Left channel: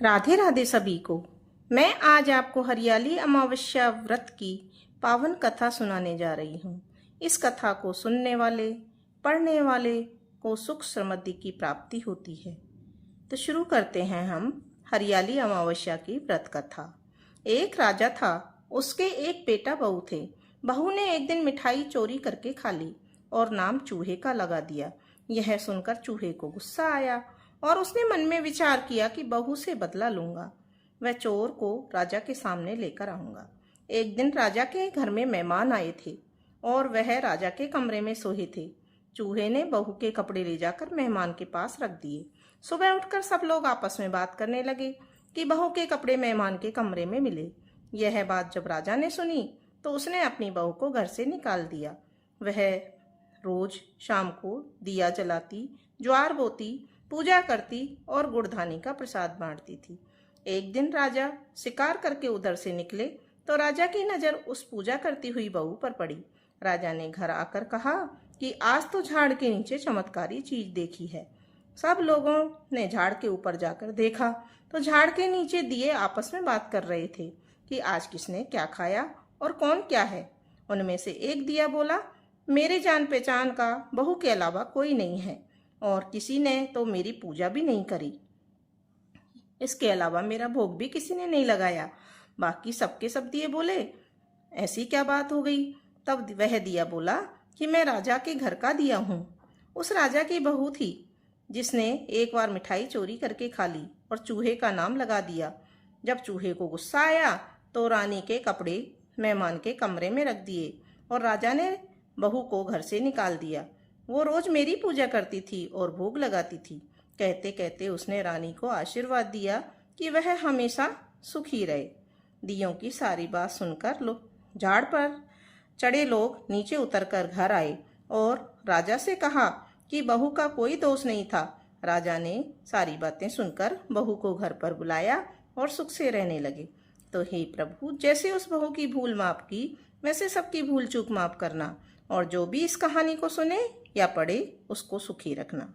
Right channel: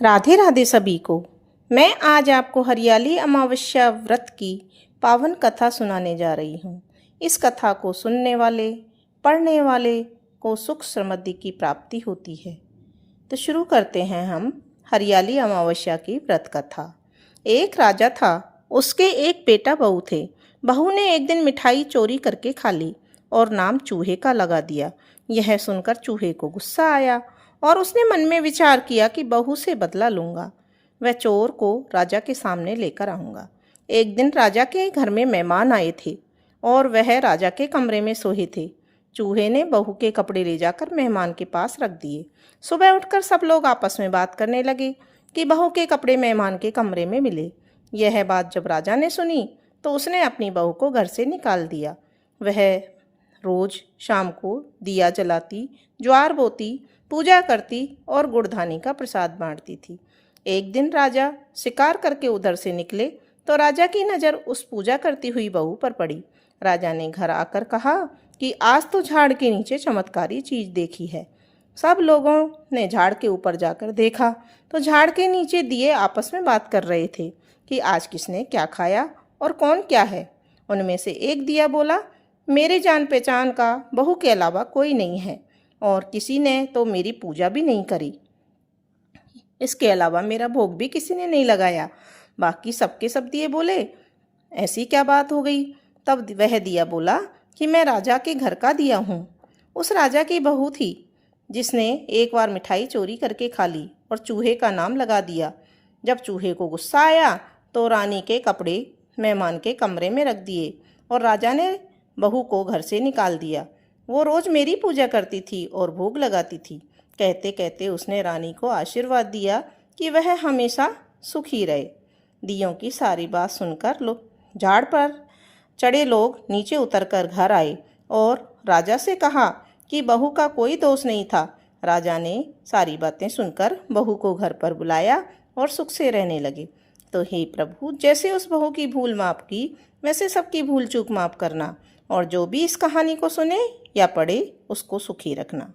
राधे राधे सभी को। मैं आज आपको हरियाली अमावस्या व्रत की पावन कथा सुनाने जा रही हूँ। इस कथा को सुनने वाले, पढ़ने वाले को सुख समृद्धि की प्राप्ति होती है। तो शुरू करते हैं हम हरियाली अमावस्या की व्रत कथा। एक राजा था, उसके एक बेटा बहू थे। बहू ने एक दिन मिठाई चोरी करके खा ली और नाम चूहे का लगा दिया। यह सुनकर चूहे को गुस्सा आया और उसने मन में विचार किया कि बहू से बदला लूंगा। वह चोर को राजा के सामने लेकर आऊंगा। एक दिन राजा के घर में मेहमान आए थे और वह राजा के कमरे में सोए थे। चूहे ने बहू के कपड़े ले जाकर मेहमान के पास रख दिए। सुबह उठकर सब लोग आपस में बात करने लगे कि बहू के कपड़े मेहमान के कमरे में मिले। यह बात जब राजा ने सुनी तो उसने अपनी बहू को घर से निकाल दिया। वह रोज शाम को दिया जलाती, ज्वार बोती, पूजा करती और गुड़धानी का प्रसाद बांटती थी। एक दिन राजा शिकार करके उधर से निकले तो राजा की नज़र उस पूजा करती हुई बहू पर पड़ी। राजा ने घर आकर कहा कि आज तो झाड़ के नीचे चमत्कारी चीज देखी है। सब लोगों ने झाड़ के ऊपर जाकर देखा तो झाड़ के नीचे दिए आपस में बात कर रहे थे कि आज किसने क्या खाया और कौन क्या है। उनमें से एक दिया बोला, मेरे जान पहचान का बहू के अलावा कोई नहीं है और किसी ने तो मेरी पूजा भी नहीं करी। इसके अलावा मेरा भोग भी किसी ने नहीं लगाया। बाकी सबके सब दिए बोले, ऐसी क्या बात हो गई। तब वह दिया बोला कि मैं राजा के घर का दिया हूँ। उस राजा की बहू थी जिसने एक बार मिठाई चोरी करके खा ली और चूहे का नाम लगा दिया। जब चूहे को गुस्सा आया तो रानी के कपड़े मेहमान के कमरे में रख दिए और राजा ने बहू को घर से निकाल दिया। वो रोज मेरी पूजा करती थी और भोग लगाती थी। कहते कहते उसने रानी को आशीर्वाद दिया कि वह हमेशा सुखी रहे। दियों की सारी बात सुनकर झाड़ पर चढ़े लोग नीचे उतरकर घर आए और राजा से कहा कि बहू का कोई दोष नहीं था। राजा ने सारी बातें सुनकर बहू को घर पर बुलाया और सुख से रहने लगे। तो हे प्रभु, जैसे उस बहू की भूल माफ की वैसे सबकी भूल चूक माफ करना और जो भी इस कहानी को सुने या पढ़े उसको सुखी रखना।